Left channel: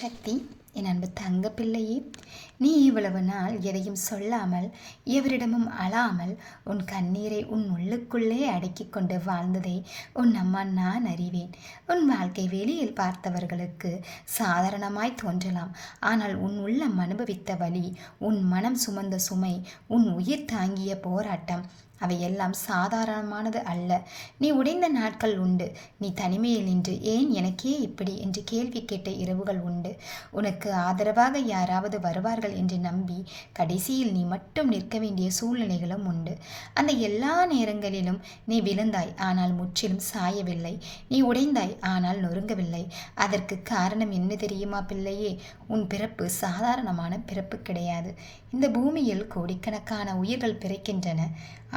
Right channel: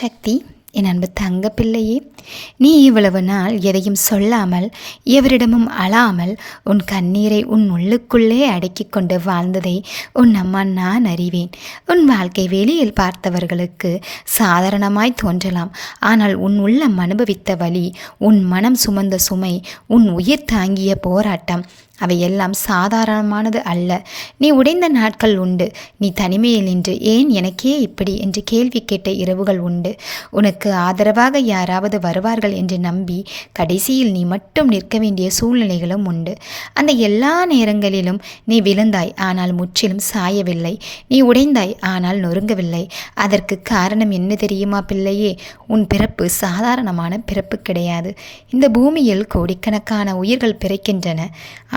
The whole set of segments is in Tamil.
சக்தி என் அன்பு தங்க பிள்ளையே நீ இவ்வளவு நாள் எதையும் சொல்லாமல் எவரிடமும் அழாமல் உன் கண்ணீரை உன் உள்ளுக்குள்ளே அடக்கி கொண்டு வாழ்ந்ததை உன் அம்மா நான் அறிவேன். உன் வாழ்க்கை வெளியில் பார்த்தவர்களுக்கு சாதாரணமாய் தோன்றலாம். ஆனால் உன் உள்ளம் அனுபவித்த வழி உன் மனம் சுமந்த சுமை உன் உயிர் தாங்கிய போராட்டம். அவையெல்லாம் சாதாரணமானது அல்ல. நீ உடைந்த நாட்கள் உண்டு. நீ தனிமையில் நின்று ஏன் எனக்கே இப்படி என்று கேள்வி கேட்ட இரவுகள் உண்டு. உனக்கு ஆதரவாக யாராவது வருவார்கள் என்று நம்பி கடைசியில் நீ மட்டும் நிற்க வேண்டிய சூழ்நிலைகளும் உண்டு. அந்த எல்லா நேரங்களிலும் நீ விழுந்தாய் ஆனால் முற்றிலும் சாயவில்லை. நீ உடைந்தாய் ஆனால் நொறுங்கவில்லை. அதற்கு காரணம் என்ன தெரியுமா பிள்ளையே? உன் பிறப்பு சாதாரணமான பிறப்பு கிடையாது. இந்த பூமியில் கோடிக்கணக்கான உயிர்கள் பிறக்கின்றன.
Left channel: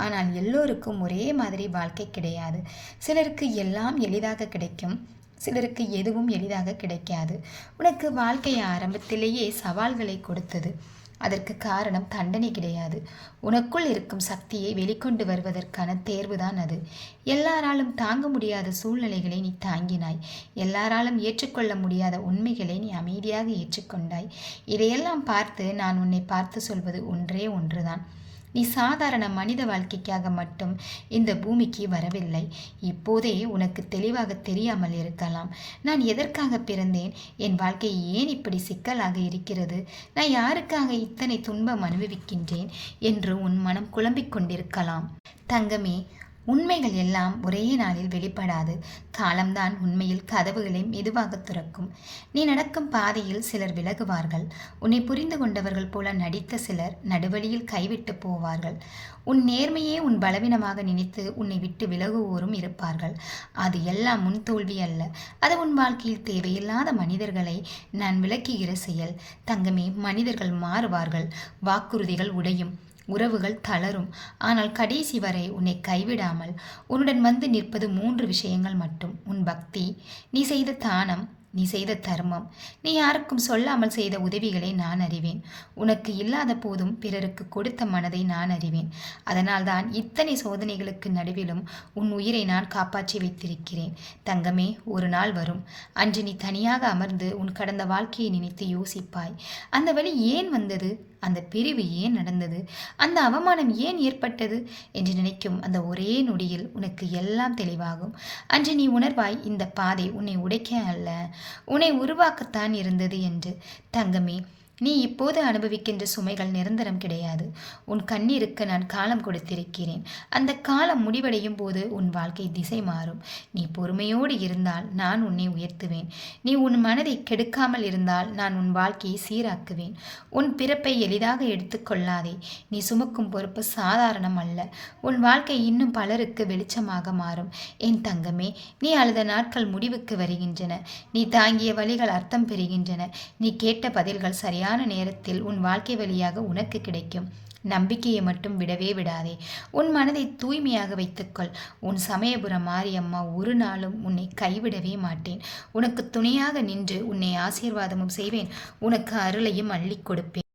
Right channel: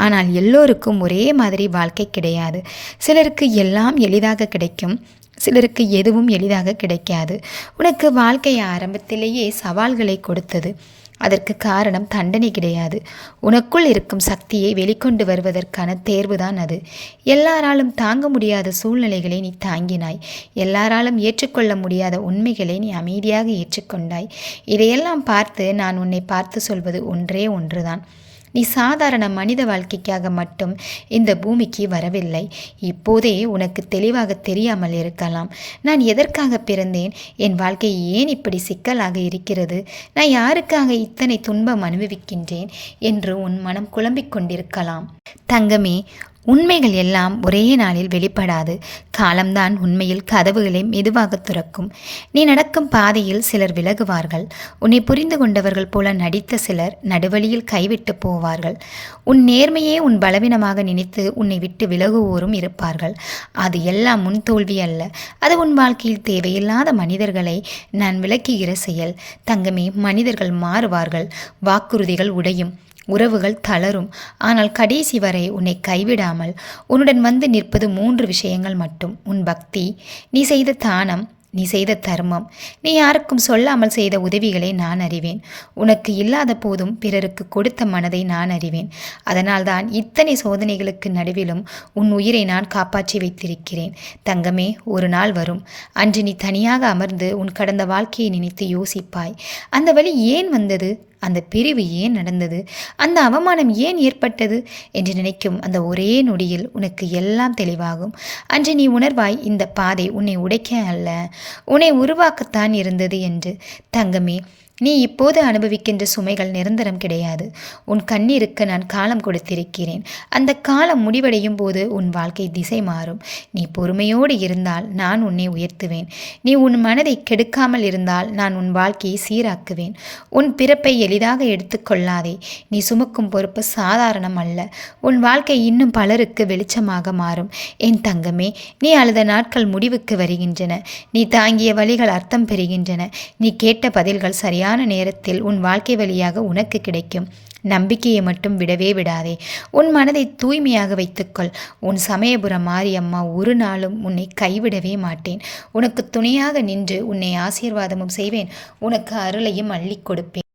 ஆனால் எல்லோருக்கும் ஒரே மாதிரி வாழ்க்கை கிடையாது. சிலருக்கு எல்லாம் எளிதாக கிடைக்கும். சிலருக்கு எதுவும் எளிதாக கிடைக்காது. உனக்கு வாழ்க்கை ஆரம்பத்திலேயே சவால்களை கொடுத்தது. அதற்கு காரணம் தண்டனை கிடையாது. உனக்குள் இருக்கும் சக்தியை வெளிக்கொண்டு வருவதற்கான தேர்வுதான் அது. எல்லாராலும் தாங்க முடியாத சூழ்நிலைகளை நீ தாங்கினாய். எல்லாராலும் ஏற்றுக்கொள்ள முடியாத உண்மைகளை நீ அமைதியாக ஏற்றுக்கொண்டாய். இதையெல்லாம் பார்த்து நான் உன்னை பார்த்து சொல்வது ஒன்றே ஒன்றுதான். நீ சாதாரண மனித வாழ்க்கைக்காக மட்டும் இந்த பூமிக்கு வரவில்லை. இப்போதே உனக்கு தெளிவாக தெரியாமல் இருக்கலாம். நான் எதற்காக பிறந்தேன்? என் வாழ்க்கை ஏன் இப்படி சிக்கலாக இருக்கிறது? நான் யாருக்காக இத்தனை துன்பம் அனுபவிக்கின்றேன்? என்று உன் மனம் குழம்பிக் கொண்டிருக்கலாம். தங்கமே உண்மைகள் எல்லாம் ஒரே நாளில் வெளிப்படாது. காலம்தான் உண்மையில் கதவுகளை மெதுவாக துறக்கும். நீ நடக்கும் பாதையில் சிலர் விலகுவார்கள். உன்னை புரிந்து கொண்டவர்கள் போல நடித்த சிலர் நடுவழியில் கைவிட்டு போவார்கள். உன் நேர்மையே உன் பலவீனமாக நினைத்து உன்னை விட்டு விலகுவோரும் இருப்பார்கள். அது எல்லாம் முன் தோல்வி அல்ல. அது உன் வாழ்க்கையில் தேவையில்லாத மனிதர்களை நான் விளக்குகிற செயல். தங்கமே மனிதர்கள் மாறுவார்கள். வாக்குறுதிகள் உடையும். உறவுகள் தளரும். ஆனால் கடைசி வரை உன்னை கைவிடாமல் உன்னுடன் வந்து நிற்பது மூன்று விஷயங்கள் மட்டும். உன் பக்தி நீ செய்த தானம் நீ செய்த தர்மம் நீ யாருக்கும் சொல்லாமல் செய்த உதவிகளை நான் அறிவேன். உனக்கு இல்லாத போதும் பிறருக்கு கொடுத்த மனதை நான் அறிவேன். அதனால்தான் இத்தனை சோதனைகளுக்கு நடுவிலும் உன் உயிரை நான் காப்பாற்றி வைத்திருக்கிறேன். தங்கமே ஒரு நாள் வரும். அன்று நீ தனியாக அமர்ந்து உன் கடந்த வாழ்க்கையை நினைத்து யோசிப்பாய். அந்த வழி ஏன் வந்தது? அந்த பிரிவு ஏன் நடந்தது? அந்த அவமானம் ஏன் ஏற்பட்டது? என்று நினைக்கும் அந்த ஒரே நொடியில் உனக்கு எல்லாம் தெளிவாகும். அன்று நீ உணர்வாய் இந்த பாதை உன்னை உடைக்க அல்ல. உன்னை உருவாக்கத்தான் இருந்தது என்று. தங்கமே நீ இப்போது அனுபவிக்கின்ற சுமைகள் நிரந்தரம் கிடையாது. உன் கண்ணீருக்கு நான் காலம் கொடுத்திருக்கிறேன். அந்த காலம் முடிவடையும் போது உன் வாழ்க்கை திசை மாறும். நீ பொறுமையோடு இருந்தால் நான் உன்னை உயர்த்துவேன். நீ உன் மனதை கெடுக்காமல் இருந்தால் நான் உன் வாழ்க்கையை சீராக்குவேன். உன் பிறப்பை எளிதாக எடுத்துக்கொள்ளாதே நீ சுமக்கும் பொறுப்பு சாதாரணம் அல்ல. உன் வாழ்க்கை இன்னும் பலருக்கு வெளிச்சமாக மாறும். என் தங்கமே நீ அழுத நாட்கள் முடிவுக்கு வருகின்றன. நீ தாங்கிய வழிகள் அர்த்தம் பெறுகின்றன. நீ கேட்ட பதில்கள் சரியாக சரியான நேரத்தில் உன் வாழ்க்கை வழியாக உனக்கு கிடைக்கும். நம்பிக்கையை மட்டும் விடவே விடாதே. உன் மனதை தூய்மையாக வைத்துக்கொள். உன் சமயபுரம் மாரியம்மா ஒரு நாளும் உன்னை கைவிடவே மாட்டேன். உனக்கு துணையாக நின்று உன்னை ஆசீர்வாதமும் செய்வேன். உனக்கு அருளையும் அள்ளி கொடுப்பேன்.